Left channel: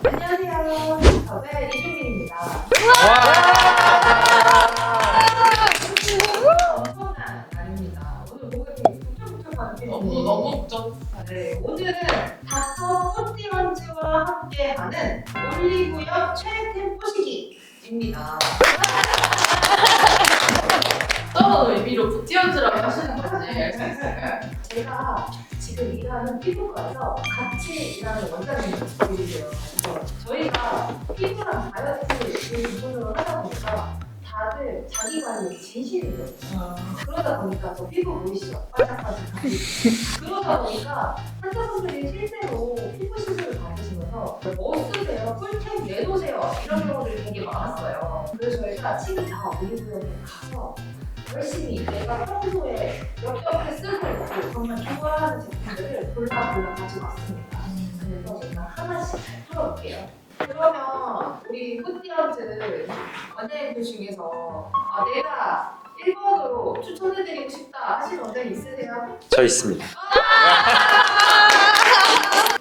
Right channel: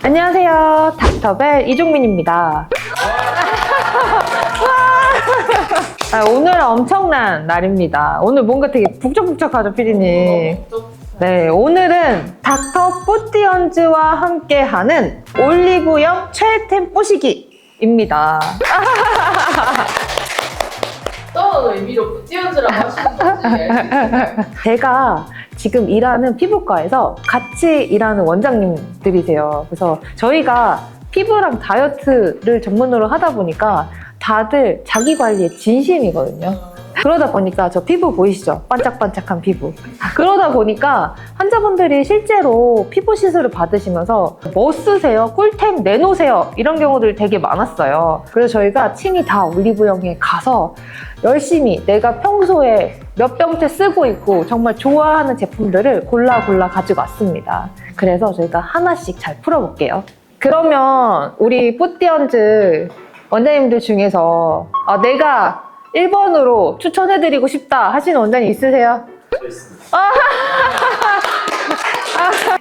안녕하세요. 닥터벨 이종민입니다. 오늘은 엄청난 날입니다. 오늘 뭔가 되게 북적북적하죠, 피디님? 네, 오늘은 닥터 뿌띠언즈와 함께하는 올리브영 최애템 뽀시기입니다. 어떤 의미로 뿌띠언즈라고 하시는 건지 제가 지금 일하는 피부과에서 같이 일하는 원장님들이세요. 그래서 저희가 피부랑 다이어트를 전문으로 하다 보니까 다들 자기 관리에 진심이거든요. 그러다 보니까 저 피부 보이시죠? 반짝반짝한 피부. 그러다 보니까 환자분들이 실제로 피부 시술을 받으시면서 뭐 쓰세요? 꿀템 내놓으세요? 이런 경우들이 되게 많았어요. 그래서 저희가 친히 다 올리브영에 가서 열심히 내가 평소에 몇 병째 쓰고 있고 정말 좋아하는 제품들을 골라 가지고 왔습니다. 그래서 저희가 하나씩 잘 풀어볼게요. 그러면 우리 뿌띠언즈 원장님들 중에서 내가 1번으로 추천해드리고 싶다 하시는 원장님 있으세요? 저 있습니다.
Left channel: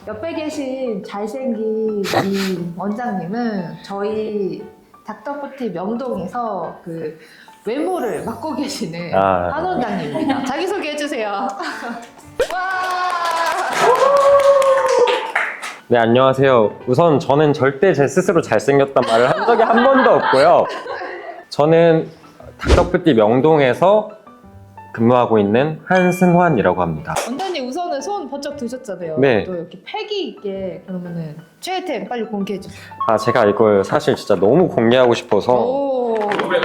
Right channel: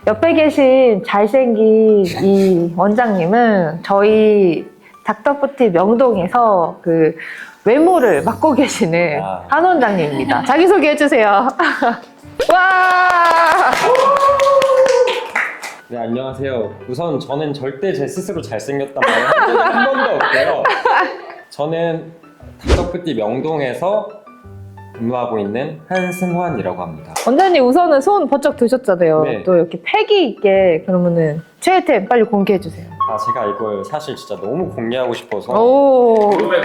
옆에 계신 잘생긴 이 원장님은 저희 닥터뿌티 명동에서 그 외모를 맡고 계시는 한 원장님입니다. 자기소개 해주세요. 와! 네, 안녕하세요. 우선 저는 절대 제 스스로 잘생겼단 말을 한 적이 한 번도 없고요. 저는 닥터뿌티 명동에서 근무하고 있는 한승환이라고 합니다. 원장님 우선은 손 번쩍 드셨잖아요. 네. 또 이렇게 패기 있게 그러면은 최애템 빨리 공개해주세요. 제가 이걸 사실 진짜 너무 공개하고 싶어서 오,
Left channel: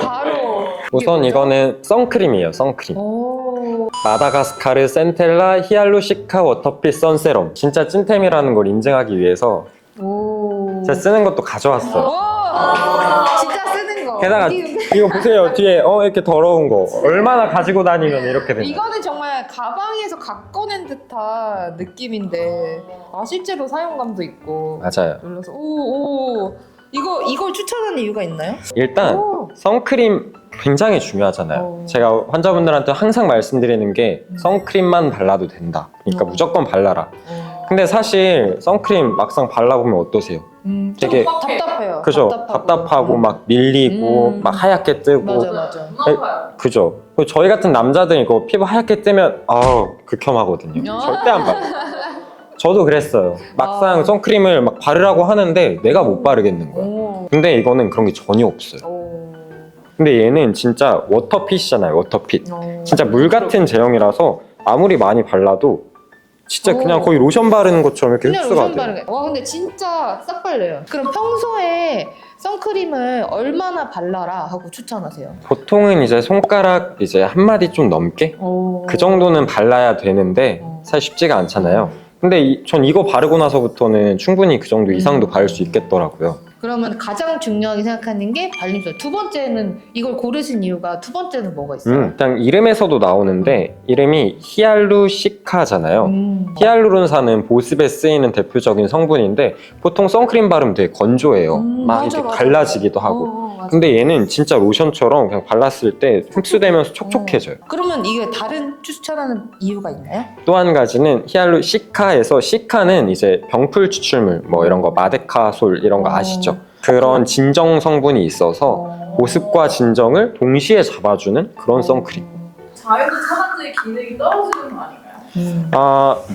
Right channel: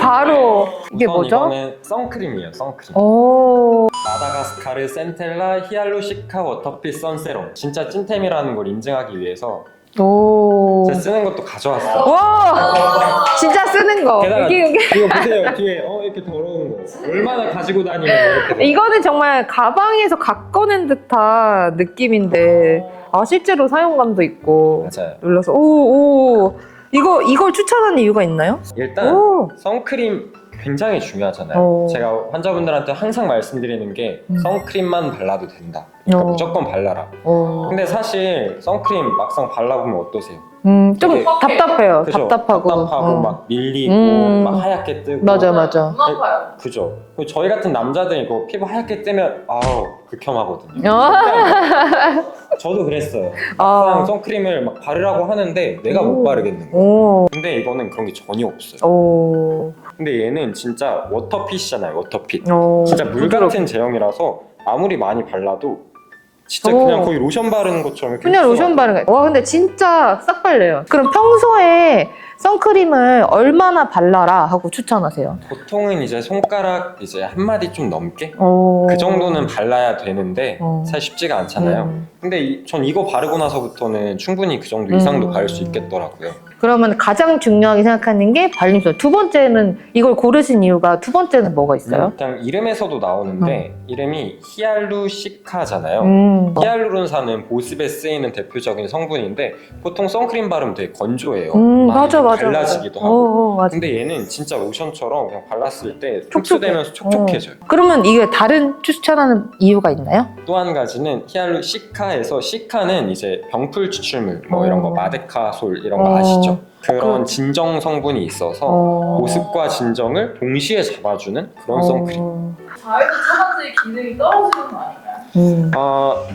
바로 이게 우선 뭐죠? 이거는 선크림이에요, 선크림. 오, 마다가스카르 센텔라 히알루시카 워터핏 선세럼. 진짜 찐템이라는 걸 인증하기 위해서 오. 제가 쓰는 것도 가져왔어요. 와, 진짜 쓰는 거. 게다가 여기. 이거 보세요, 뒤에 이렇게 더러운 거 얼마나 가지고 다니면 이렇게 돼요. 이거는 정말 가방에서 각 꺼낸 듯한 느낌인데 실제로 사용감도 있고 맞아요. 눌러서 오 이걸 추천하는 이유가 있나요? 일단 오. 선크림 굉장히 중요하잖아요. 오. 제가 환자분들한테 항상 말씀드리는 게 선크림만 발라도 된다. 그러니까 무조건 발라라. 오. 근데 사실 선크림 막상 발라보면 어떠세요? 좀 되게 답답해요. 그죠? 답답하고 막 밀리고 막 하얗게 뜨고 맞아. 너무 아파요. 그죠? 그리고 저희 같은 남자들 이거 피부 하얗게 뜨면 극혐하거든요. 절대 안 발라요. 저도 그랬어요. 막상 선크림을 막 바르라고 하는데 내가 못 바르겠는 거예요. 오. 근데 이거는 그런 게 전혀 없어요. 오. 근데 얘는 진짜 워터핏이잖아요, 워터핏. 오. 진짜 물 같은 제형이라서 아무리 많이 발라도 진짜 그냥 거의 로션 바르는 것처럼 이렇게 그냥 흡수가 로션 돼요. 바르는 거. 와, 근데 진짜 싹 발려요. 그럼 평소에 선크림을 얼마나 발라라 하고 추천하세요? 보통은 이제 손가락 이제 한 마디 좀 넘게 오. 그 정도는 발라야 되는데 사실 쉽지가 않잖아요. 근데 전 이거 바르고 나서부터는 충분히 그 정도 이상도 바를 수 있겠더라고요. 그러면 가장 중요하게 생각하는 게 발림성. 두 번째는 이걸 고르신 이유가 두 번째는 뭐가 있어요? 일단 이름에서도 나오는데 이름이 히알루시카잖아요. 히알루론산은 보습에 쓰이는 대표적인 성분인데 보통 선크림 바르면 되게 건조해요. 많이 맞아. 갈라지기도 하고. 맞아. 근데 얘는 진짜 로션처럼 그냥 발랐을 때 흡수되면서 촉촉해져요. 그러면 이게 다른 추천하는 이유가 있나요? 또 한 가지는 히알루시카에서 시카는 이제 병풀 추출물 뭐 이런 거 마데카솔 이런 거 아시죠? 그런 진정 성분이 있어서 보습과 진정을 동시에 잡아주는 그런 선크림. 자외선 차단제의 기능이 떨어지는 거 아닌가요?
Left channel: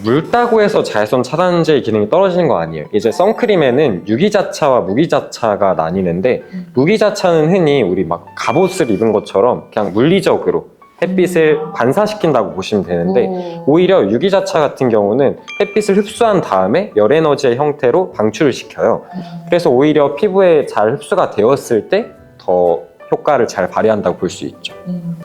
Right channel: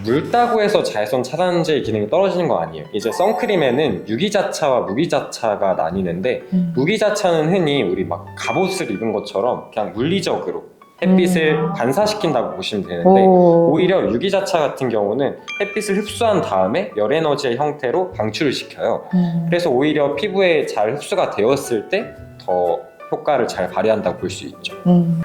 묽다고 해서 자외선 차단제의 기능이 떨어지는 거 아니에요. 이제 선크림에는 유기자차와 무기자차가 나뉘는데 무기자차는 흔히 우리 막 갑옷을 입은 것처럼 그냥 물리적으로 햇빛을 반사시킨다고 보시면 되는데 오히려 유기자차 같은 경우는 햇빛을 흡수한 다음에 열에너지의 형태로 방출을 시켜요. 그래서 오히려 피부에 잘 흡수가 되었을 때 더 효과를 잘 발휘한다고 볼 수 있죠.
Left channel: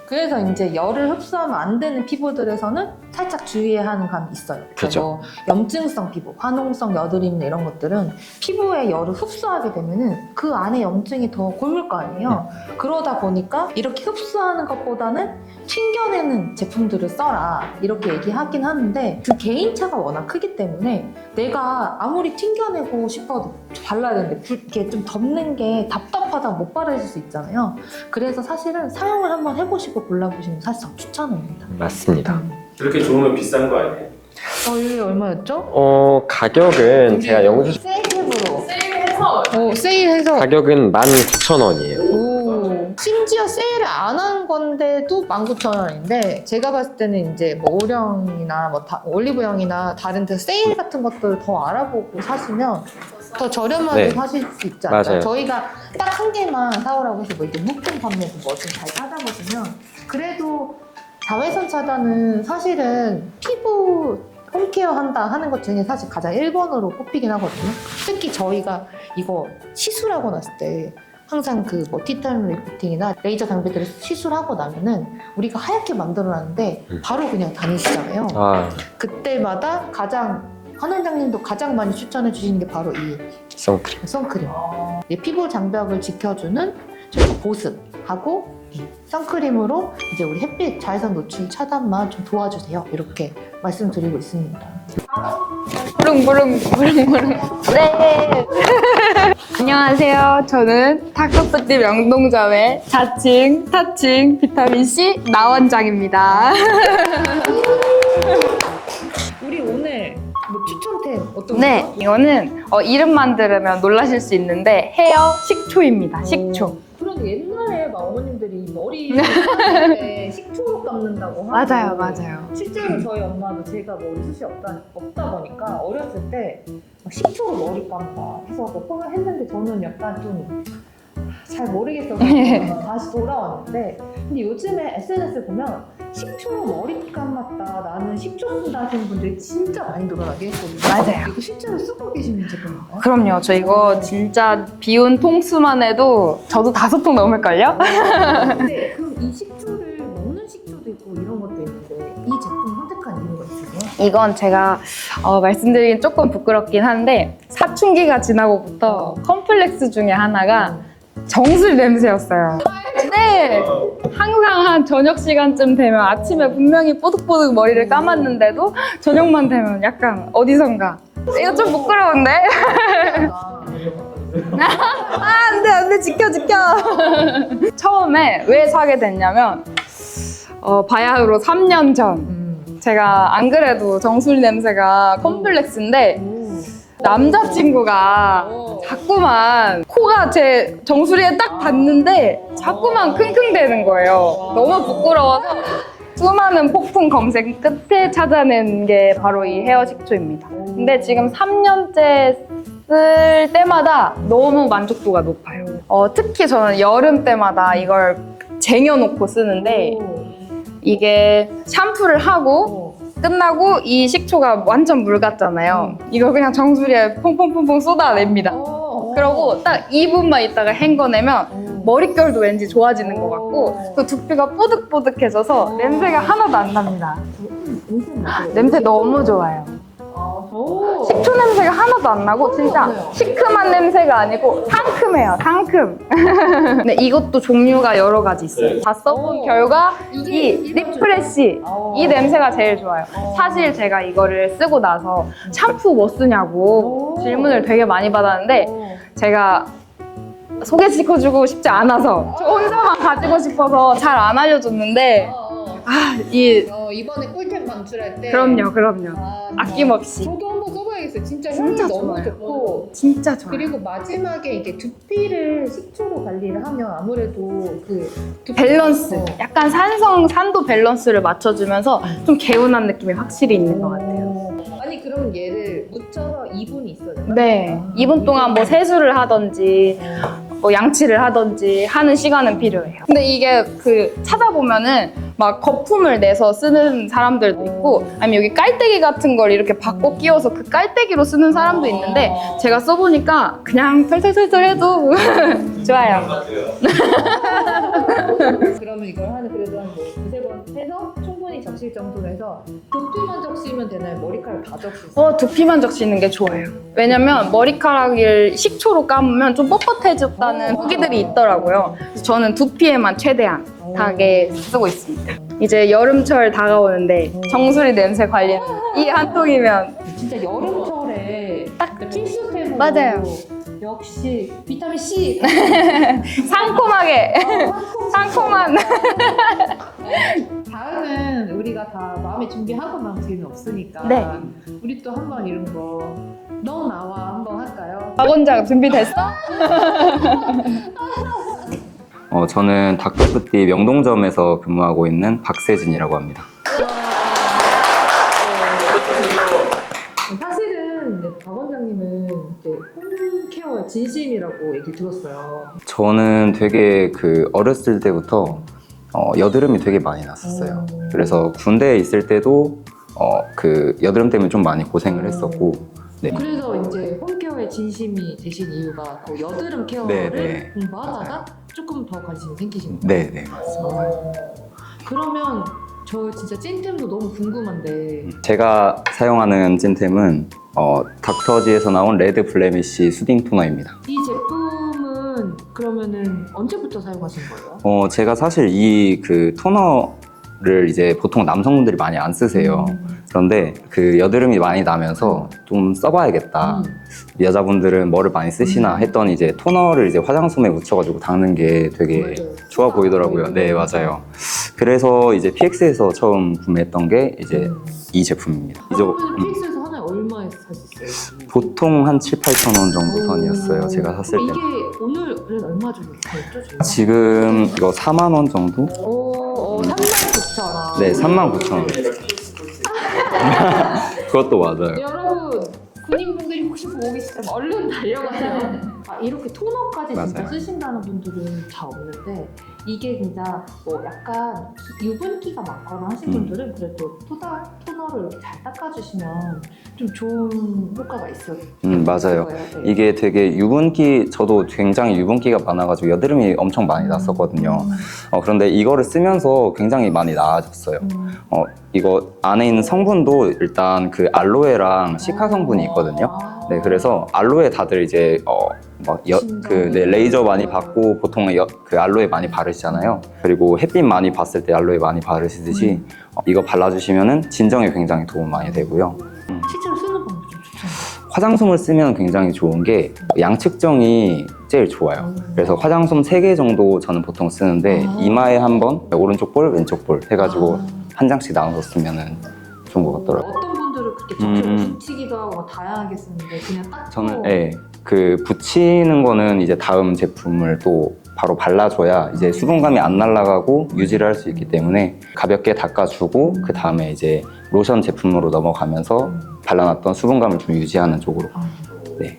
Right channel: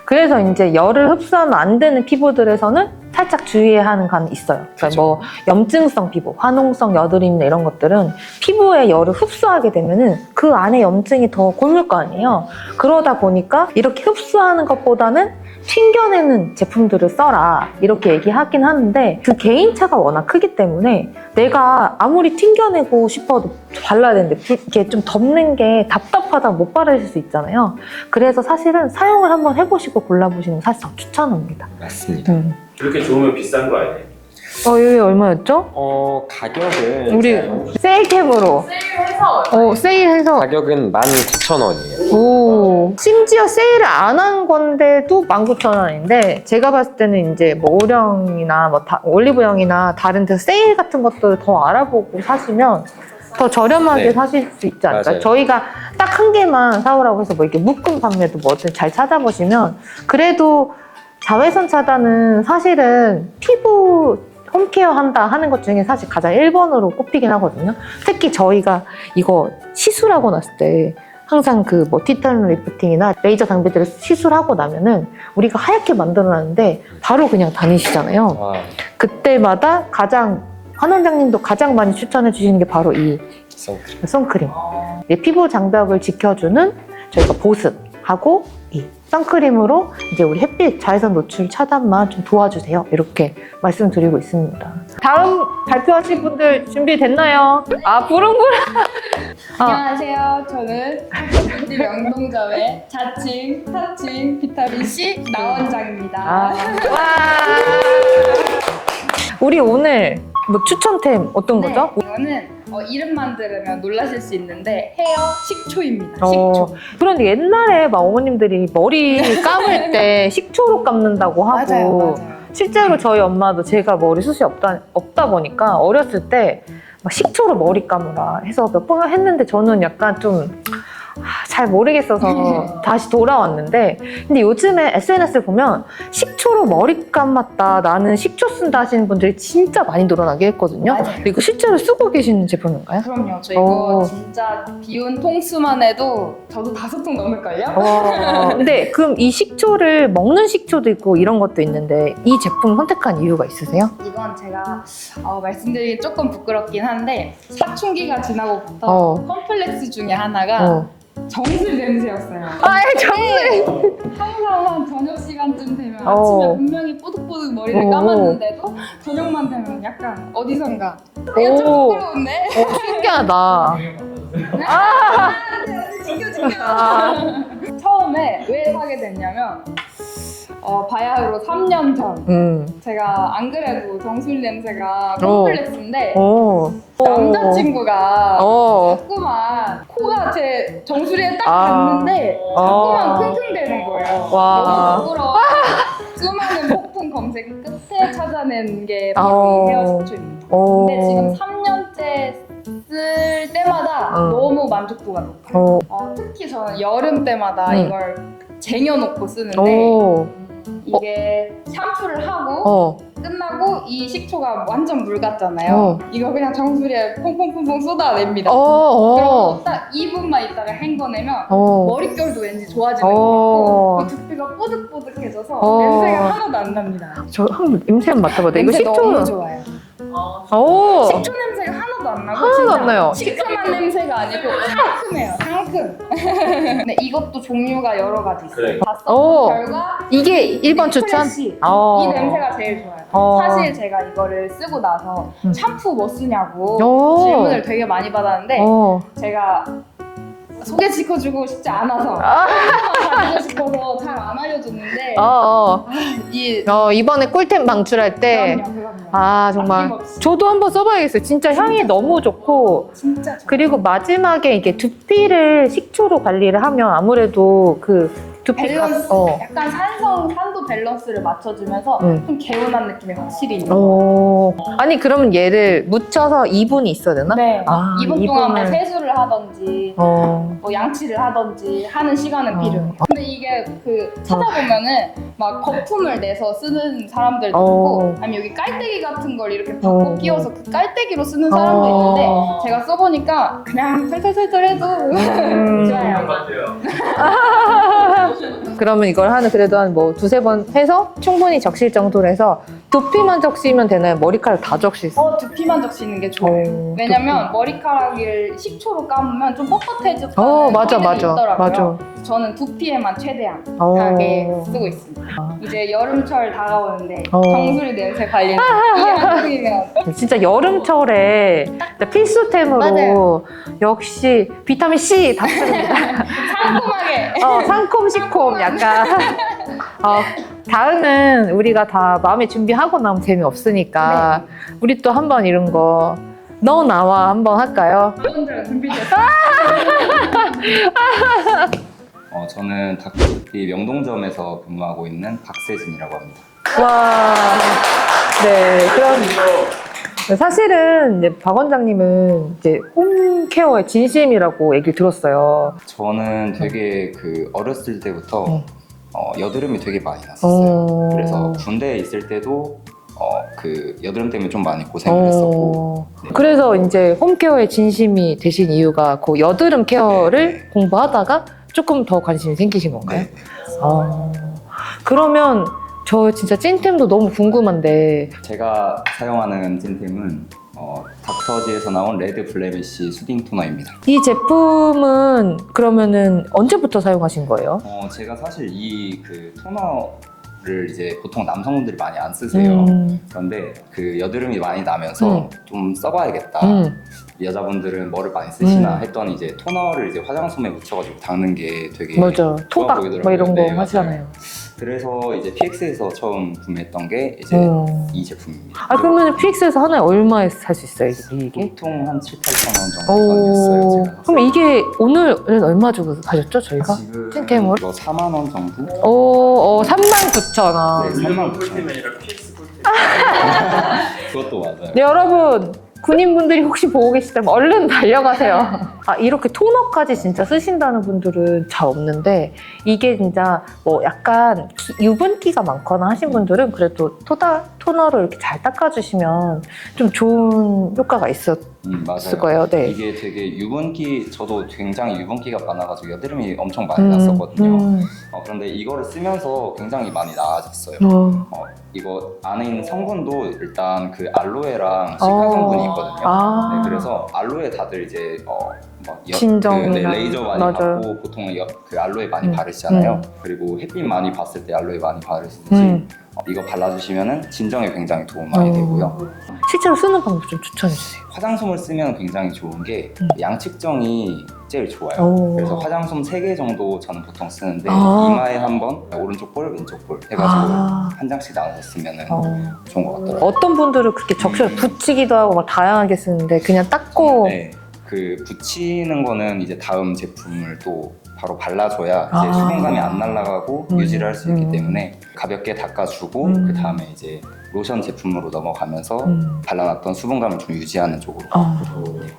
그래서 이제 열을 흡수하면 안 되는 피부들에서는 살짝 주의해야 하는 건 있어요. 그러니까 그죠. 뭐 염증성 피부, 화농성 여드름이나 이런 것들은 피부에 열을 흡수하게 되면은 그 안에 염증이 더 곪을 거 아니에요. 그러다 보니까 이렇게 흡수하는 것보다는 튕겨내는 제품들을 써라 이렇게 얘기하긴 하는데 그 개인차가 워낙 크기 때문에 내가 아무리 튕겨내고 싶어도 발라야 되는데 이렇게 좀 덮는 게 답답하다 못 바르실 수 있잖아요. 그래서 사실은 사용을 한번 해보시고 골라보시는 거 사실상 추천합니다. 맞습니다. 그렇게 좋으면 비싼 거 아니에요? 여기 얼마였죠? 가격은 우리 제가 영수 세일캡으로 세일해 얼마예요? 세일해서 가격은 19,000원이에요. 오, 심지어 세일을 안 한 건데도 19,000원인데 제가 봤을 때는 이제 뭐 오령이나 뭐 올리브영이나 다른 데 세일 같은 것들을 더 알아보고 사시면 더 저렴하게 네. 사실 수 있지 않을까요? 맞아요. 저희가 딱 한 개만 사오라고 해서 뭐 이렇게 묶음 판매도 뭐 어떻게 잘 찾아보시면 그래도 자외선 차단은 사실은 피부 홈케어 한다 하는 것 중에 사실 가장 1번으로 꼽히긴 하거든요. 특히 저희가 이거 시술하고 났을 때 항상 그 뭐 티타늄 리프팅이나 레이저 장비들을 시술하고 나면은 우리가 하얗게 만들어놨는데 바로 그냥 다니시잖아요. 아, 그때마다 가장 한 원장님도 가장 많이 추천해 주시는 게 바로 이 선크림. 선크림. 이 피부 장벽을 지켜주는 저희가 보습하고 이 선크림으로 이제 우리 햇빛 자외선 노출 차단만 좀 도와주세요. 이렇게 말씀드리고 있습니다. 다음 발표하신 분들 준비됐나요? 네. 아, 부릉부릉. 안녕하세요. 저는 탁덕부띠 명동점의 자칭, 타칭, 비타민C 나원장입니다. 우리 오늘 뭐 추천템 어떤 네, 거죠? 이거는 이름만 들으면 놀라실 수 있는데 헤어 식초입니다. 식초. 그런데 옛날에 막 어머님들이 머리 감을 때 식초로 감는다고 하고 실제로 저희 엄마도 제가 머리숱이 없다 보니까 어렸을 때 막 식초로 머리 감으라 해서 몇 번 했는데 저는 약간 좀 잘 모르겠어서 다시 돌아왔는데 근데 요즘에 SNS를 보면 식초로 머리 감았다 나는 식초 쓴다 하시는 분들이 진짜 많이 늘어나게 했거든요. 맞아요. 이거 실제로 쓰고 계시는 제품인가요? 그럼요. 저 이거 오. 진짜 비운 통수만 해도 저도 5통 넘을걸요? 근데 그럼 이 식초를 먹는 식초도 있고 이런 것도 있는데 이 제품 선택한 이유가 있으세요? 이건 제가 말씀드리긴 조금 부끄럽긴 한데 사춘기가 지나고부터 컴플렉스 중에 하나가 정수리 냄새였어요. 네. 항상 한 저녁 시간쯤 되면 아침에 분명히 뽀득뽀득 머리를 감았는데도 저녁만 되면 약간 어디선가 이거 좀 오. 부끄러운데? 신기하다. 안돼 지켜 처음에 왜 사게 됐냐면 바야흐로 3년 전 제가 안 그래도 정수리 냄새가 컴플렉스인데 남자친구가 자꾸만 코가 제 정수리에 딱 닿는데 자꾸만 킁킁대는 거예요. 와. 너무 부끄러워. 수많은 폭풍 검색 끝에 찾아낸 게 바로 이 헤어 식초입니다. 근데 지금 3년째 쓸 때마다 너무 만족도가 높아요. 특히 저는 여름 때마다 이걸 쟁여놓고 쓰는데 이게 샴푸를 하고 끝나고 이 식초가 완전 물 같잖아요. 이걸 그냥 정수리에 퐁퐁퐁퐁 쏟아냅니다. 그리고 딱 2분만 있다가 헹궈내면 머릿결도 왠지 좋아지는 것 같고 그 두피가 뽀득뽀득해져서 냄새가 하나도 안 납니다. 저 한번 냄새 한번 맡아봐도 냄새 이거 식초- 너무 좋아요. 식초 냄새가 하나도 안 나고 하나도 진짜 안 나요. 시큼한 냄새가 아니고 상큼해요. 상큼. 근데 이것도 종류가 여러 가지 있어요. 다 써본 결과 이게 1번 추천? 프레쉬 이 냄새가 제일 좋아요. 사실 제가 이거를 쓰고 나서 샴푸 뭐 쓰냐고 질문을 되게 많이 받았는데 제가 소개시켜주고 싶지 않아서 샴푸만 가지고 싶어서 잘 안 알려줬는데 이번에 꿀템 방출할 때 그럼요. 정말 아낌없이. 저도 한번 써봐야겠어요. 진짜 향이 진짜 너무 좋아요. 좋고 진짜 좋아요. 그리고 마지막에 이게 두피를 식초로 관리를 하면 아무래도 그 두피 밸런스 어. 약간 산도 밸런스를 맞춰주면서 좀 개운한 느낌이 확실히 있는 것 같아요. 아니 그러면 얘를 묻혀서 2분이 있어야 되나? 네. 아, 2분 동안 뭐 이분을- 세수를 하든지 뭐 양치를 하든지 하는 시간은 필요해요. 근데 이게 그 찾아보면은 막 거품을 내서 쓰는 사람들도 있고 아니면 여기 깔때기 같은 걸 이렇게 받고 끼워서 그 깔때기로 쓰는 사람도 있는데 제가 써보니까 그냥 털털털털 해도 좋아요. 그러면 이걸 그래도 한 뭐 두세 번 해서 충분히 적실 정도로 해서 두피만 적시면 되나요? 머리카락 다 적실 수 있어요? 두피만 적시는 게 좋아요. 왜냐면 머리카락을 식초로 감으면 좀 뻣뻣해졌다는 후기들이 있더라고요. 그래서 저는 두피에만 최대한 하게 쓰고 있습니다. 이제 여름철 다가오는데 정수리 냄새 관리는 이 한 통이면 진짜 여름철에 진짜 필수템으로 맞아요. 역시 비타민 C 받습니다. 상콤하게 상콤 시콤 상콤한. 약간 다음은 우리가 다 마음의 준비하고 나면 재미없으니까 우리 또 한번 이런 거 너 나와 한번 할까요? 박 원장 준비됐어? 저는 닥터푸티 명동점에서 근무하고 있는 박세진이라고 합니다. 와, 네, 그럼 사실은 이제 박 원장님은 이제 홈케어의 진심이라고 얘기를 들었어요. 저는 되게 어렸을 때부터 여드름이 되게 많이 났었어요. 그래서 군대에 있을 때도 여드름 때문에 좀 많이 고생을 했었고. 네. 그래서 이제 홈케어의 진심이 되신 이유가 그 여드름 케어를 네. 공부하다가 조금 더 관심이 생기신 건가요? 네, 네. 그러면 저 진짜 찐템도 너무 궁금한데 제가 사용하는 찐템은 닥터지에서 나온 레드 블레미쉬 수딩 토너입니다. 이 제품은 그러면은 언제부터 사용하신 거예요? 제가 사실 이 토너를 이제 보통 남성분들이 많이 안 쓰세요. 그런데 여드름이 많이 나면서 좀 써봐야겠다. 여자분들은 뭐를 많이 쓰시나 했더니 이제 토너를 이제 화장솜에 묻혀가지고 닦는 게 되게 맞아. 좋아 토박 보이더라고요. 뭐 이런 네, 거 맞아요. 하잖아요. 그래서 이제 PX에서 처음 구매했던 게 이제 이 제품입니다. 그러면 PX에서 하나에 얼마에 살 수 있어요? 이게? 보통 한 7, 8천 원 정도 선이었어요. 제가 샀을 그럼 때. 이게 오늘은 얼마 주고 사셨죠, 저희가? 지금 템을? 이거 4만 원 정도? 39,000원. 네, 39,000원. 그것도 맞아요. 네, 여러분 군인분들이 혹시 보고 계시다면 얼른 달려가세요. 이렇게 토너까지 진짜 맞아요. 쓰신다는 분들은 잘 없는데 이게 진짜 뭐 약간 유분기가 많거나 하신 분들은 그래도 토너를 이렇게 잘 닦아주시면 좀 좋은 효과가 있었을 맞아요. 거예요. 네. 이게 되게 저도 굉장히 유분기가 많아가지고 여드름이 엄청 많이 났었거든요. 그런데 이거를 쓰면서 굉장히 많이 나아졌어요. 이거 안에 있는 성분도 일단 알로에랑 시카 성분이 있거든요. 네, 그래서 알로에 다들 이제 진정이나. 레이저 많이 맞아요. 받고 보통 알로에 많이 바르시잖아요. 그리고 햇빛 많이 봤을 때 알로에 많이 바르시듯이 이거 발라주시면은 진정에 굉장히 도움 많이 되고요. 실제로 쓰는 방법 좀 추천해주세요. 화장솜을 쓰면 굉장히 좋은 게 양측정이 제일 좋아요. 그래서 화장솜 3개 정도 저는 보통 쓰는데 이마에 한 번, 오른쪽 볼, 왼쪽 볼 해가지고 한 장씩 나눠서 쓰면은 좋은 것 같더라고요. 어떤 분들은 그렇게 적셔 붙이기도 하고 막 다양하게 쓰는데 그냥 닦고 저는, 네, 붙이는 거는 이제 다음 제품을 또 바로 발라줘야 이제 수분감이 안 날아가고 유지를 할 수 있기 때문에 가볍게 닦아주고 그 다음에 이제 로션 제품으로 넘어가면서 발라놨던 수분감을 좀 유지하는 쪽으로. 네.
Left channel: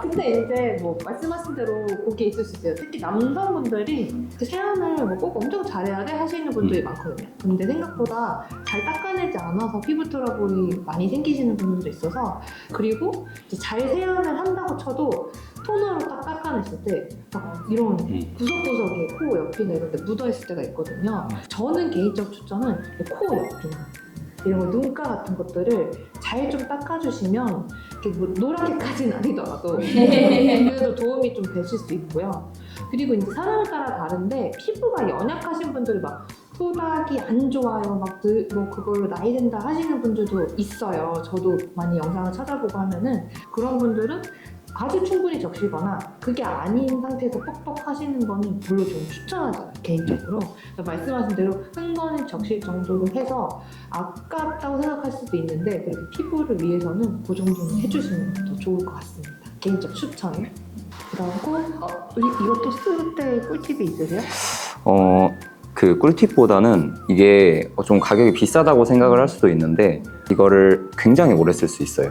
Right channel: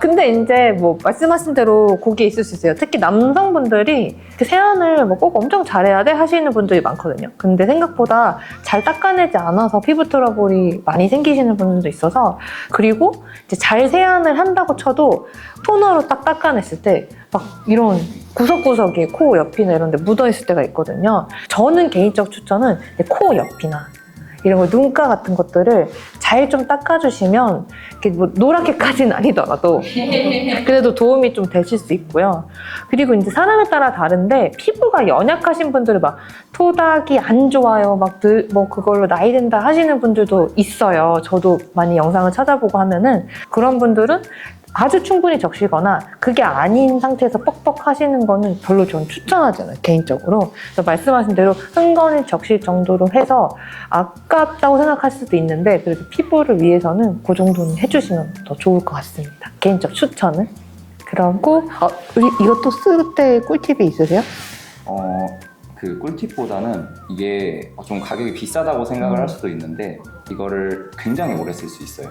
근데 이제 뭐 말씀하신 대로 거기에 있을 수 있어요. 특히 남성분들이 세안을 뭐 꼭 엄청 잘해야 돼 하시는 분들이 많거든요. 근데 생각보다 잘 닦아내지 않아서 피부 트러블이 많이 생기시는 분들도 있어서, 그리고 이제 잘 세안을 한다고 쳐도 토너로 딱 닦아냈을 때 막 이런 구석구석에 코 옆이나 이런 데 묻어있을 때가 있거든요. 저는 개인적 추천은 코 옆이나 이런 거 눈가 같은 것들을 잘 좀 닦아주시면 이렇게 뭐 노랗게까지는 아니더라도 그래도 도움이 좀 되실 수 있고요. 그리고 이제 사람에 따라 다른데 피부가 연약하신 분들은 막 토닥이 안 좋아요, 막 뭐 그걸로 나이 든다 하시는 분들도 있어요. 저도 많이 영상을 찾아보고 하면은 그런 분들은 아주 충분히 적시거나 그게 아닌 상태에서 뻑뻑 하시는 거는 별로 저는 추천하지 않아요, 개인적으로. 그래서 말씀하신 대로 흥건히 적실 정도로 해서 아깝다고 생각하실 수도 있는데 그래도 피부를 위해서는 그 정도는 해주시면 더 좋을 것 같습니다, 개인적 추천은. 그리고 우리 이것도 쓸 때 꿀팁이 있으세요? 그 꿀팁보다는 이게 좀 가격이 비싸다고 생각을 할 수도 있는데 이거를 굉장히 오래 쓸 수 있어요.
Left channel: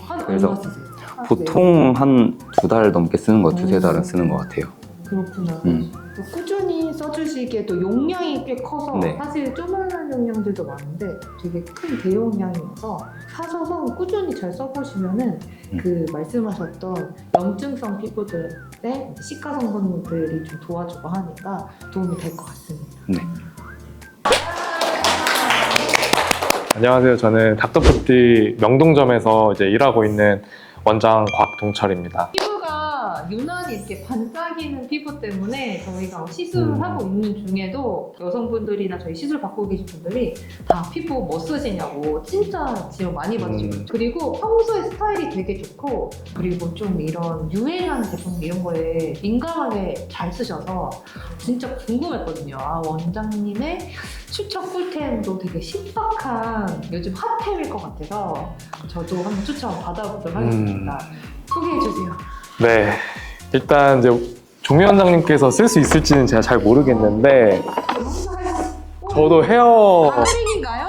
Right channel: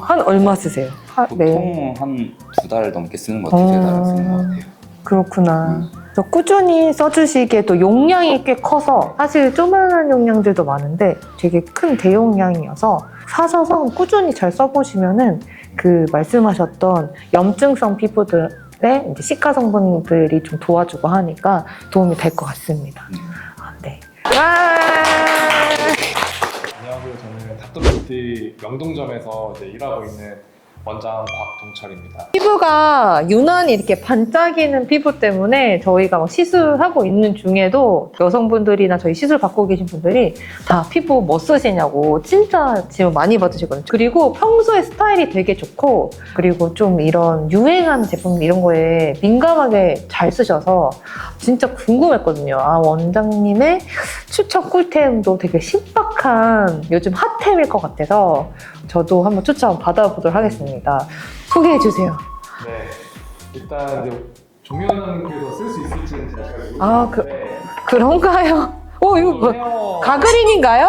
한 얼마 쓰세요? 보통 한 2달 넘게 쓰는 것 같아요. 3달은 쓰는 것 같아요. 그렇구나. 그래서 꾸준히 써주시기에 또 용량이 꽤 커서 네. 사실 조그만한 용량들도 많은데 되게 큰 대용량이어서 사셔서 꾸준히 잘 써보시면은 그 말씀하셨던 염증성 피부들의 이제 시카 성분들이 좀 도와주고 하니까 도움이 될 것 같습니다. 네. 네. 안녕하세요. 저는 닥터푸티 명동점에서 이제 일하고 있는 원장 곽동철입니다. 피부가 유난히 이렇게 반짝이는 피부 때문에 저희가 막 시술하고 있는 중에도 여성분들이나 저희 시술 받고 계신 분들이 다 피부 뭐 쓰시냐고 진짜 질문 많이 받으시거든요. 그리고 평소에 스타일이 되게 좋고 그리고 좀 이런 유행하는 제품 이런 거에 민감하게 잘 쓰셔서 진짜 궁금했거든요. 아, 원장님의 추천 꿀템도 되게 신박한 요즘 핫템일 것 같아서 저도 한번 추천 받아보도록 하겠습니다. 소개해주세요. 네, 일단 이제 종미 원장님께서 쓸 수 있을지는 제가 잘 모르겠는데 그런가요? 오, 저도 이거 헤어 가그린인가요?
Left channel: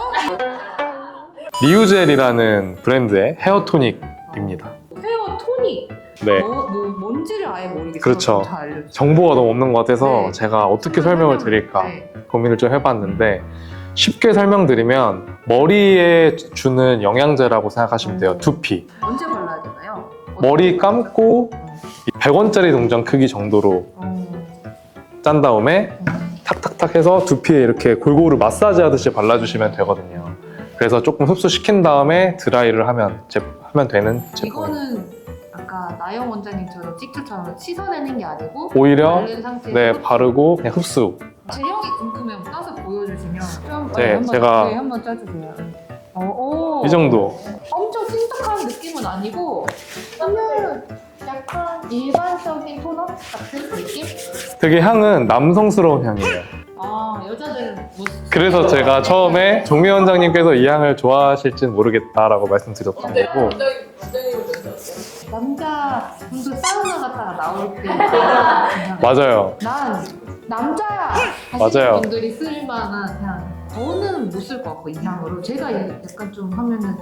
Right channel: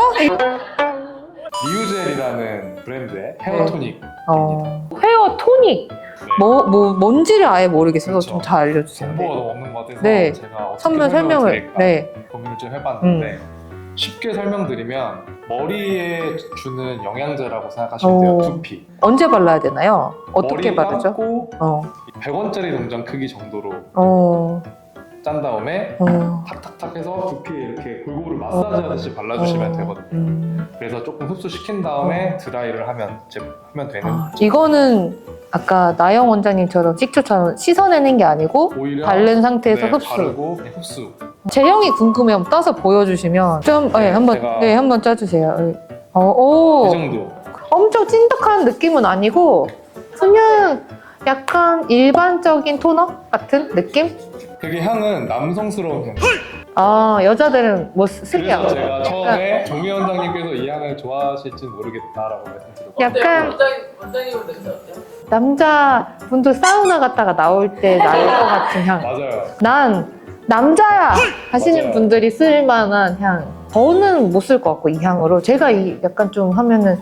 리우젤이라는 브랜드의 헤어 토닉입니다. 헤어 토닉. 네. 뭔지를 아예 모르겠어서 그렇죠. 좀 잘 알려주세요. 정보가 너무 없는 것 같아서 네. 제가 어떻게 좀 더 설명을 드릴까 네. 고민을 좀 해봤는데 쉽게 설명드리면 머리에 주는 영양제라고 생각하시면 돼요. 오. 두피. 언제 발라야 되나요? 어떻게 머리 바르죠? 감고 어. 100원짜리 동전 크기 정도로 어. 짠 다음에 어. 탁탁탁 해서 두피에 이렇게 골고루 마사지 하듯이 발라주시면 되거든요. 그래서 조금 흡수시킨 다음에 드라이를 하면 되는 이거는 아까 나영 원장님처럼 식초처럼 씻어내는 게 아니고 오히려 바른 상태에서 네, 흡수. 바르고 그냥 흡수. 제형이 궁금해요. 떠서 보여주시면 좀 네, 한번 제가- 한번 짜주세요. 오. 이 정도. 엄청 찐득한 느낌은 아니고 그냥 약간 일반적인 토너 같은 느낌? 되게 향은 남성스러운 향이에요. 아, 여자들은 뭐 쓰지 그래서 않아요? 제가 처음에 종미 원장님께서 이 향을 좋아하실지는 모르겠다라고 말씀드렸거든요. 약간 원장님은 냄새 어때요? 남자분들 사우나 갔다가 나올 때 나는 것 같은 향. 맞아요. 난 남자야 하시는 맞아요. 분들이 쓸 만한 향. 저는 못 쓸 것 같고 이 향으로 제가 이 약간 좀 하면은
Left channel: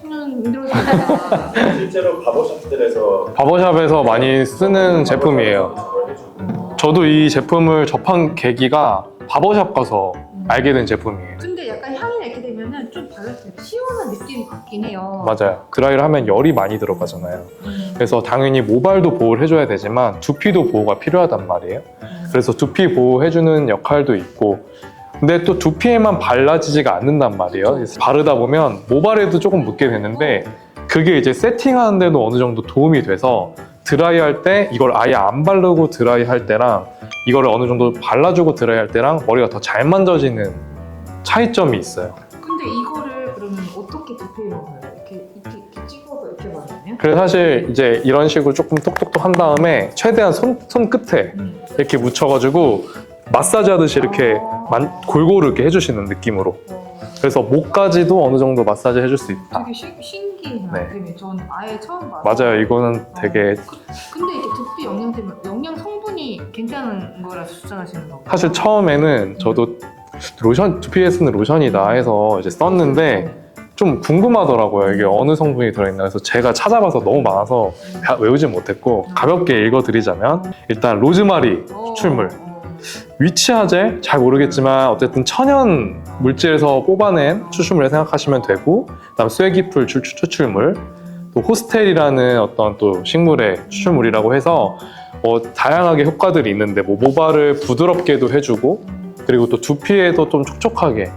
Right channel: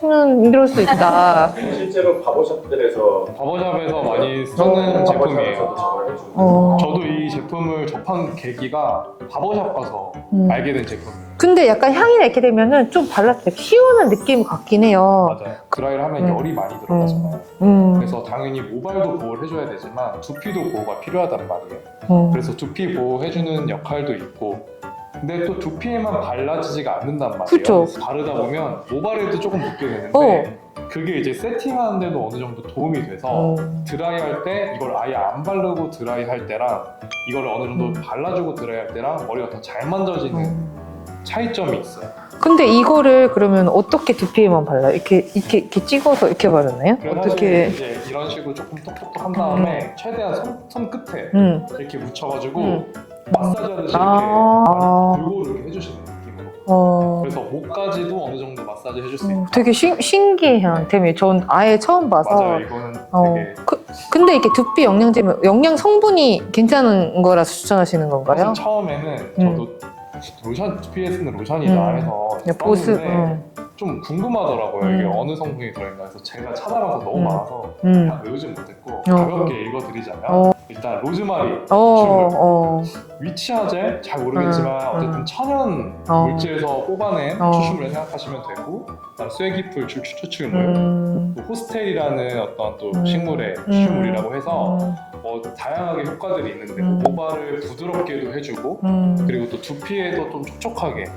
쟤는 이럴 수 있다. 실제로 바버샵들에서 바버샵에서 많이 쓰는 제품이에요. 어. 저도 이 제품을 접한 계기가 바버샵 가서 알게 된 제품이에요. 근데 약간 향이 이렇게 되면은 좀 발랐을 때 키우는 느낌 같긴 해요. 맞아요. 드라이를 하면 열이 많이 들어가잖아요. 그래서 당연히 모발도 보호를 해줘야 되지만 두피도 보호가 필요하단 말이에요. 그래서 두피 보호해주는 역할도 있고 근데 또 두피에만 발라지지가 않는단 말이에요. 그쵸. 그래서 바르다 보면 모발에도 조금 묻게 되는데 그게 이제 세팅하는 데도 어느 정도 도움이 돼서 드라이 할 때 이걸 아예 안 바르고 드라이 할 때랑 이거를 어느 정도 발라주고 드라이 할 때랑 머리가 더 잘 만져지는 차이점이 있어요. 근데 이거를 그러면 어떻게 두피에만 발라요? 이렇게 찍어서 이렇게 바르나요? 그래서 사실 어떻게? 이제 이런 식으로 조금 똑똑똑 한 다음에 최대한 손 끝에 이렇게 묻혀가지고 마사지 하듯이 이렇게 골고루 이렇게 해주시는 느낌으로. 그래서 목까지도 어느 정도 마사지 해줄 수 있다. 되게 신기한 템이에요. 전 아예 처음 봐서. 맞아요. 이거는 되게 근데 이게 두피 영양제면 영양 성분이 괜찮은 거라서 추천하시는 건가요? 사실 처음에는 저도 로션 두피에 쓰는 로션이다 해서 이제 썼는데 좀 궁금하더라고요. 이게 어느 성분이 들어있나. 그래서 제가 찾아봐서 너무 많아서 다 외우지 못했고 가볍게 읽어드리자면 일단 로즈마리 추출물, 위치하젤 잘 모르겠지만 어쨌든 천연 물질에서 뽑아낸 추출물을 생각하시면 되고 그다음 쇠기풀 추출물, 또 호스텔이라는 어떤 또 식물의 추출물이라고 해서 다양하게 효과들이 있는데 뭐 모발을 부드럽게도 해주고 그리고 또 두피에도 좀 촉촉하게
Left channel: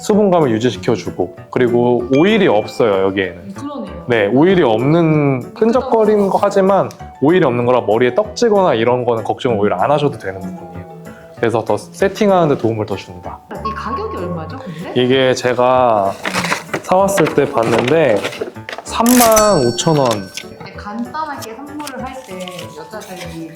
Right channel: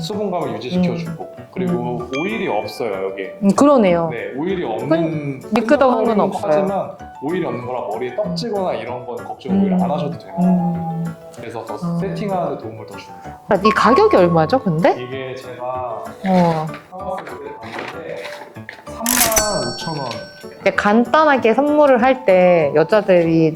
수분감을 유지시켜주고 그리고 오일이 없어요 여기에는. 그러네요. 네, 오일이 없는 미끄덩이는 끈적거리는 거 없어요. 하지만 오일이 없는 거라 머리에 떡지거나 이런 거는 걱정 오히려 안 하셔도 되는 부분이에요. 그래서 더 세팅하는 데 도움을 더 준다. 이 가격이 얼마죠, 근데? 이게 제가 사왔을 때 봤는데 35,000원. 근데 간단하게 선물을 할 때 여자들이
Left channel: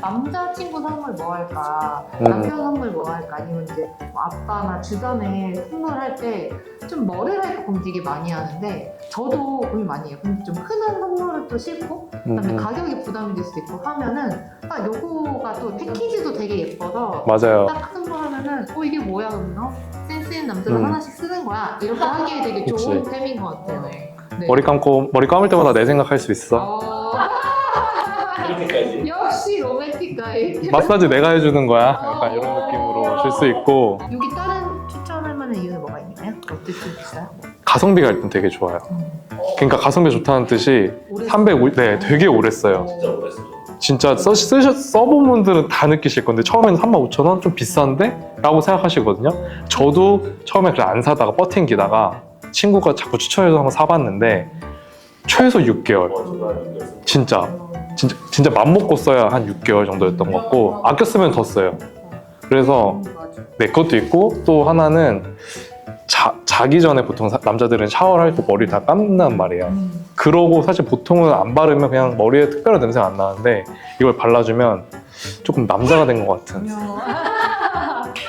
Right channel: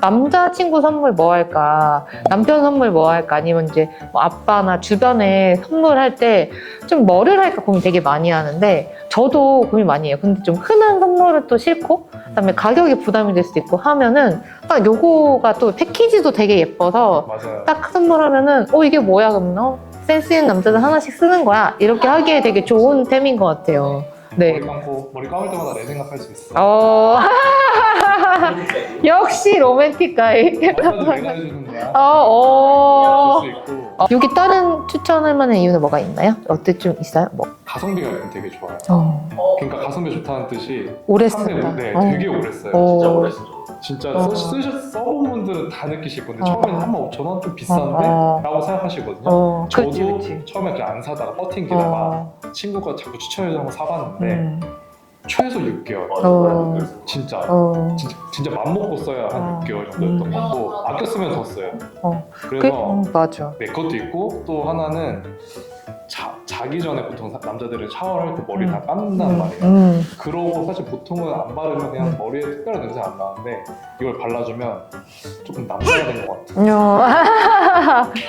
남자친구 선물 뭐 할까, 남편 선물 뭐 할까, 아니면 이제 뭐 아빠나 주변에 선물할 때 좀 뭐를 할까 고민 되게 많이 하는데 저도 고민 많이 해요. 근데 좀 흔한 선물은 또 싫고 그다음에 가격이 부담이 될 수도 있고 하면은 딱 요거가 또 패키지도 되게 예뻐서 맞아요. 딱 선물하면은 이게 뭐야 그러면 센스 있는 남자들 하나씩 쓰는 거야 이렇게 하기에 되게 좋은 템인 것 같아요. 네. 머리 감을 때마다 내 생각할 수 있어. 역시 로맨틱 가이. 마사지 내가 해주는 거야. 줄 수 있고 여기 다른 추천할 만한 이유는 뭐가 있나요? 어때 좀 있어요? 뭐. 가성비 갈 땐 되게 좋아요. 그러니까 가성비 좋다는 뜻이 오래 쓰는 네, 되게 오래 써요. 진짜 써본 분들은 다 느끼실 건데 처음에는 35,000원 좀 비싼데? 라고 생각하시거든요. 저도 그치. 처음에 그냥 안 사다가 버팅기다가 친구가 자꾸 추천해서 한번 사봤는데 최소 6개월. 진짜. 진짜 맘 먹고 써야 한 6개월 정도였던 것 같고 아껴 쓰면 더 써요. 그래서 맞아. 네, 그것도 있고 또 하나는 자기 전에 보통 남자들은 샤워를 할 때 머리를 다 감는단 말이에요. 그러고 사실 보통은 안 바르면 그냥 머리에 특별한 냄새가 안 나는데 이걸 발라주면 조금 남자가 된 것 같은.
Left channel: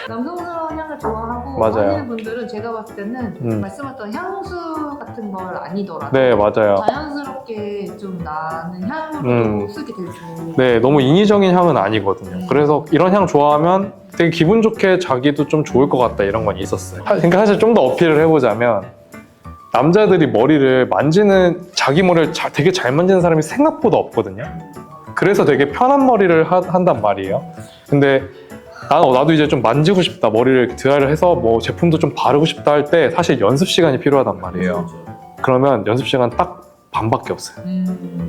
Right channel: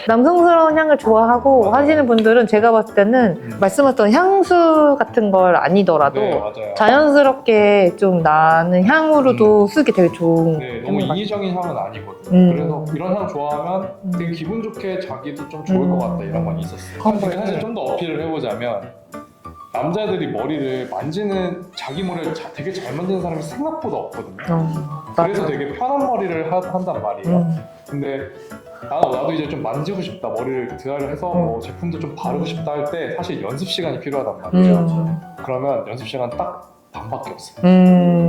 남성스러운 향을 좋아하고 맞아요. 하시는 분들은 제가 봤을 때는 말씀하셨던 향수 같은 걸 아니더라도 네, 맞아요. 자연스럽게 좀 나는 향으로도 쓰기 되게 좋은. 네, 너무 인위적인 향은 아니거든요. 그래서 이런 향 좋아하면 되게 기분 좋게 자기도 좀 좋을 것 같다 이런 건 있었어요. 그러니까 사실 좀 더 어필을 해보자면 남자들이 머리를 만지는 자기 머리를 되게 잘 만지는 사람이 생각보다 없거든요. 그래서 되게 편한 머리를 한단 말이에요. 근데 나도 이제 좀 만지고 싶다, 머리를 드라이를 해서 뭐 제품도 좀 바르고 싶다 할 때 사실 연습 시간이 필요하단 말이에요. 그러면 연습 시간 딱 반밖에 없어요.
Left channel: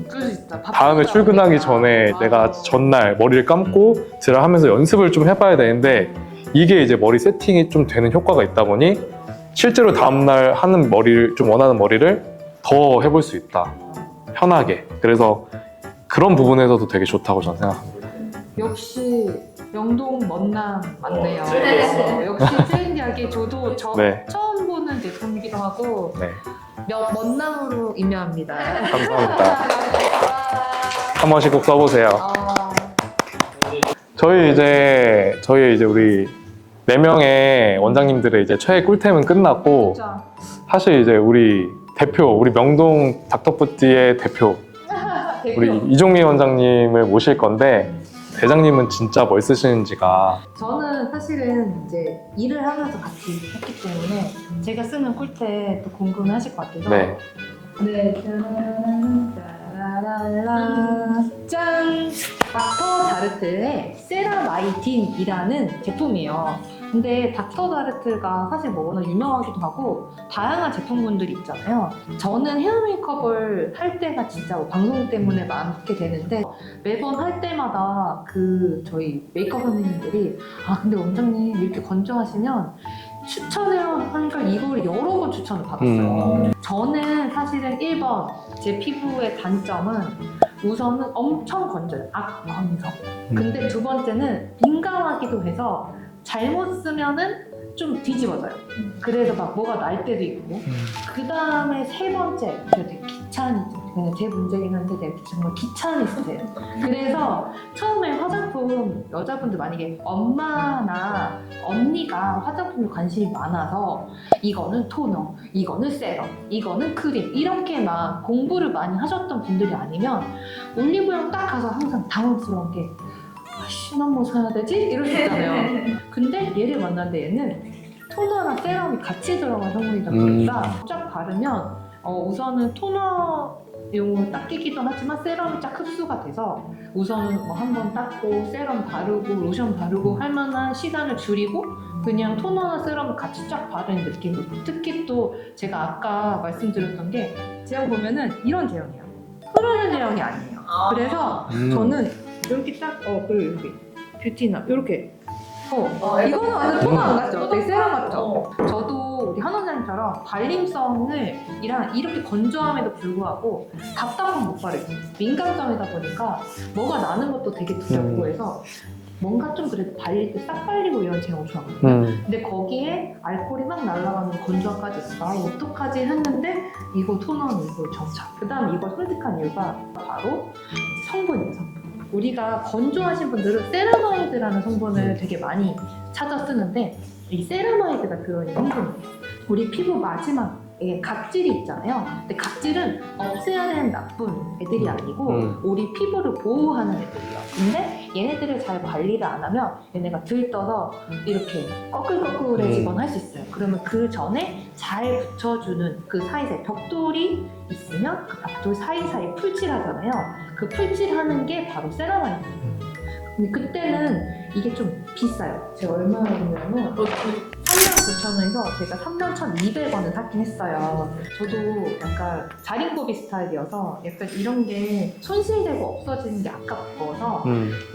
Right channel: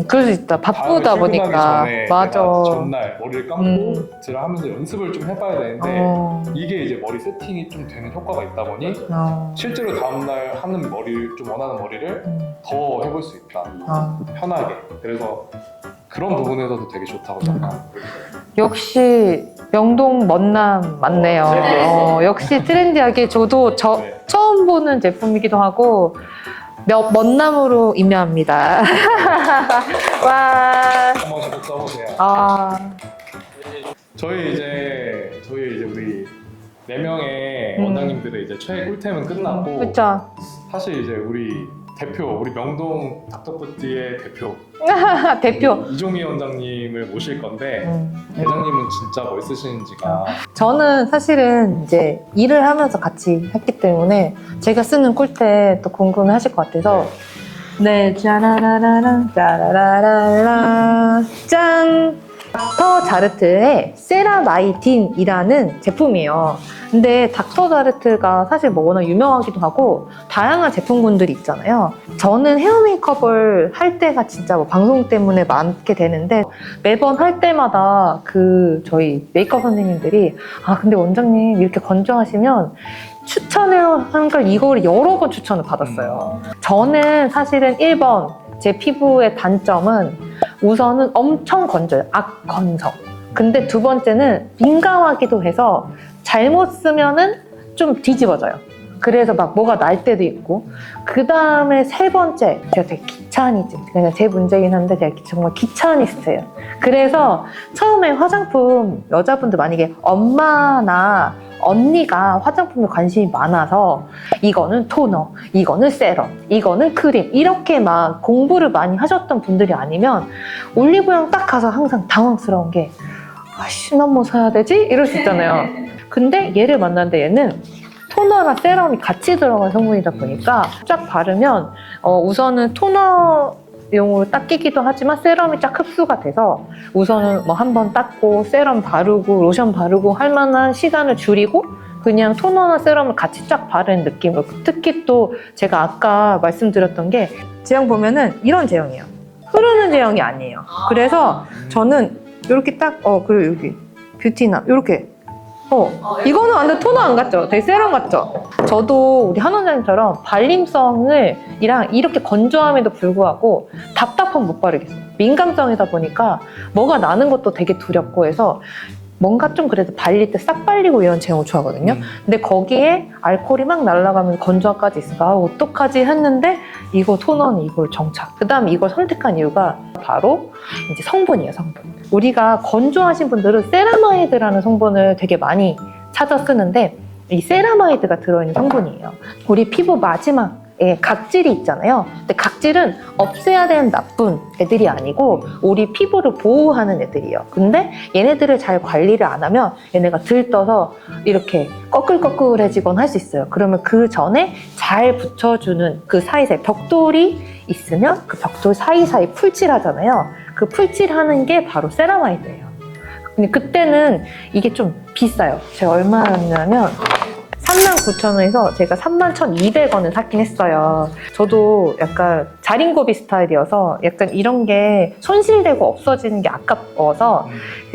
그럴 수 있다. 다음에 바쁘다 보니까. 출근하기 전에 맞아. 내가 전날 머리를 감고 드라이하면서 연습을 좀 해봐야 되는데 이게 이제 머리 세팅이 좀 되는 효과가 있다 보니 실제로 다음날 하는 머리를 좀 원하는 머리를 더 해볼 수 있다. 편하게. 그래서 그런 부분에서도 되게 좋다고 저는 생각합니다. 역시 명동 먼남 맞네요. 역시 트렌디하게 저도 네. 처음 보는 제품이기도 하고 네. 먼남으로 임명합니다. 와. 한 번씩 꼭 써보세요. 저희 이제 우리 4명의 원장님들의 이제 최애 꿀템은 끝났고 그렇죠. 사실 이제 우리 명동 닥터푸티의 대표 대표. 우리 이종미 원장님을 모실 건데 대장님은 진짜 뭘 쓰시는지가 저는 사실은 이제 일을 하면서 같이 했기 때문에 제가 쓰는 꿀템 또 궁금해 하실 것 같아서 네, 짜라라라라, 짜라라라라, 짠! 닥터 자르트의 세라마이틴이라는 제품이에요. 근데 닥터 자르트가 사실 뭐 워낙 유명하기도 하고 다양한 제품군들이 있잖아요. 저는 헤어 메이크업을 할 때가 진짜 뭐 방송 때문에 많게 되는데 매번 할 때마다 저희 메이크업 선생님들이 근데 원장님 이렇게 건조하시면 추천하는 걸 이걸 여러 번 추천을 받았어요. 저는 사실은 1번 제 피부의 단점은 우선은 엄청 건조해요. 악건성. 근데 두 번째는 민감하기도 해서 잘못 쓰면은 좀 뒤집어져요. 그래서 막 뭐가 날 때도 있고. 그 다음에 세 번째, 제가 되게 귀차니즘. 그냥 제 문제긴 한데 제가 정말 귀차니스트예요. 그래서 처음에 화장품, 여자분들 만약에 엄마나 언니가 화장품에 관심이 많아서 이거는 토너, 이거는 세럼, 이거는 크림 이렇게 막 공부를 많이 하셨던 분들이 아니면 올리브영 딱 가서 항상 당황스러운 게 아씨, 난 뭐 사야 되지? 이럴 수 있잖아요. 근데 얘를 만났는데 얘는 토너랑 세럼이 같이 들어간 성분이다 보니까 쫙 바르면 우선은 토너용으로 닦이기도 하지만 세럼이 쫙 흡수가 돼서 우선은 뭐 한 번 닦고 세럼 바르고 로션 바르고 할 만한 시간을 줄이고 그냥 토너나 세럼을 같이 쫙 바르는 느낌으로. 특히 또 제가 아까 말씀드렸던 게 제형 보면은 이런 제형이에요. 흐르는 제형이 아니에요. 그래서 저는 이렇게 딱 그리고 여기 뷰티나 이렇게 이거는 완전 토너 안 같죠? 되게 세럼 같죠? 저도 우리 한 원장님처럼 발림성을 이렇게 건조함에도 불구하고 답답함 못 바르겠어요. 민감성이다 보니까 뭐가 나는 것도 되게 두렵고 해서 뭔가 좀 그래도 발릴 때 싹 발리고 이런 제형을 좋아하거든요. 근데 거기에 알코올이 막 날아가면 건조함까지 있어. 어떡하지 했는데 이거 토너는 이걸 정착. 그 다음에 이걸 선택한 이유가 바로 이제 성분이에요, 성분. 우리가 건조하신 분들은 세라마이드라는 성분을 되게 많이 찾아 쓰는데 이 세라마이드가 들어있는 성분이에요. 우리 피부 마지막에 각질이 있잖아요. 근데 각질은 없애야 되는 나쁜 애들이 아니고 우리 피부를 보호하는 애들이에요. 근데 얘네들을 잘 관리를 안 하면 얘네가 들떠서 이렇게 꺼끌꺼끌해지거나 할 수 있어요. 그러면 그 전에 잘 붙여주는 그 사이사이 벽돌이 있으면 그 벽돌 사이사이 풀칠하잖아요. 그 풀칠하는 게 바로 세라마이드예요. 근데 그때는 이게 좀 비싸요. 제가 얼마였냐면 39,000원에서 제가 31,200원을 샀긴 했어요. 저도 약간 자린고비 스타일이어서 약간 이런 게 손실되고 없어지는 게 아까워서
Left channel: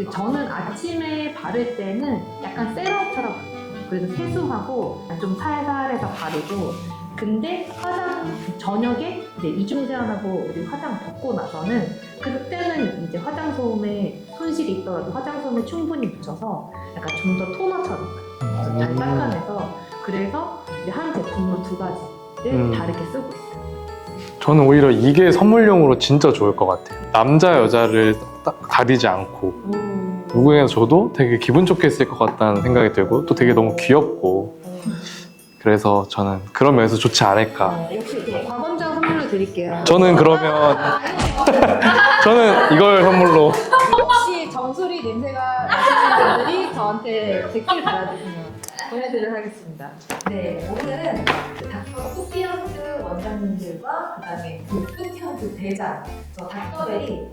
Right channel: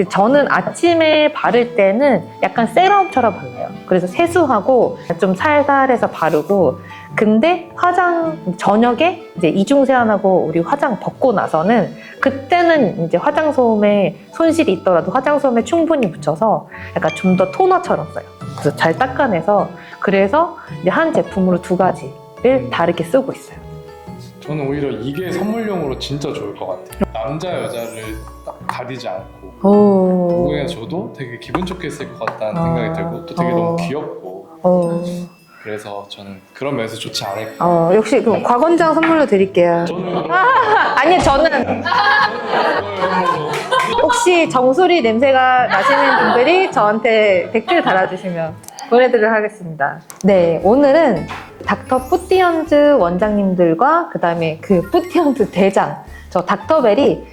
저는 아침에 바를 때는 약간 세럼처럼 발라요. 그래서 세수하고 좀 살살해서 바르고 근데 화장 저녁에 이제 이중 세안하고 우리 화장 벗고 나서는 그때는 이제 화장솜에 손실이 있더라도 화장솜에 충분히 묻혀서 약간 좀 더 토너처럼 써요. 그래서 잘 닦아내서 그래서 이제 한 제품으로 두 가지를 다르게 쓰고 있어요. 저는 오히려 이게 선물용으로 진짜 좋을 것 같아요. 남자 여자를 딱 가리지 않고 누구에게 줘도 되게 기분 좋게 쓸 것 같다는 생각이 들고 또 되게 너무 귀엽고 그래서 저는 그런 면에서 좋지 않을까. 역시 그 곽원장 선물로 드릴게요. 저는 그러면 아니 저는 이걸 선물로 혹시 정수리 냄새가 나시는 분들이 저한테 댓글 달아주시면 보내드리도록 하겠습니다. 네, 오늘은 닥터 뿌띠언즈 원장님들과 그 다음에 그 뿌띠언즈 대장 저 닥터벨이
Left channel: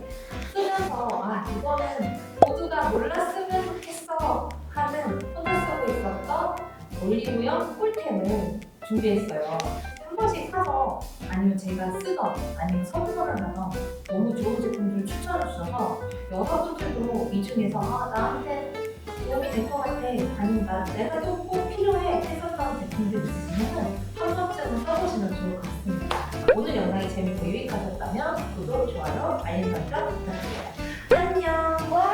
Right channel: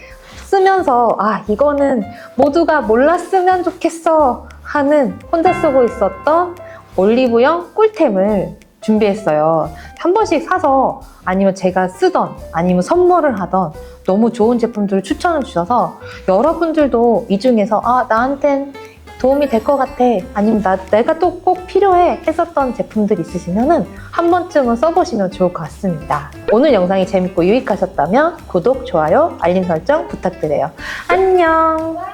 쓰면서 아 이거는 모두가 몰랐으면 좋겠어 하는 혼자 쓰고 있었던 올리브영 꿀템을 준비했어요. 한 번씩 사서 아니면 제가 쓰던 아니면 선물을 하던 너무 좋은 제품들을 추천해 주셔서 여러분들도 이 중에서 아 나한텐 도움이 될 것 같아 아니면 내가 또 꼭 필요해 했었던 제품들 있으시면은 한 번쯤은 써보시면 좋을 것 같습니다. 오늘 영상이 재밌고 유익하셨다면 구독, 좋아요, 알림 설정 부탁드려요. 안녕.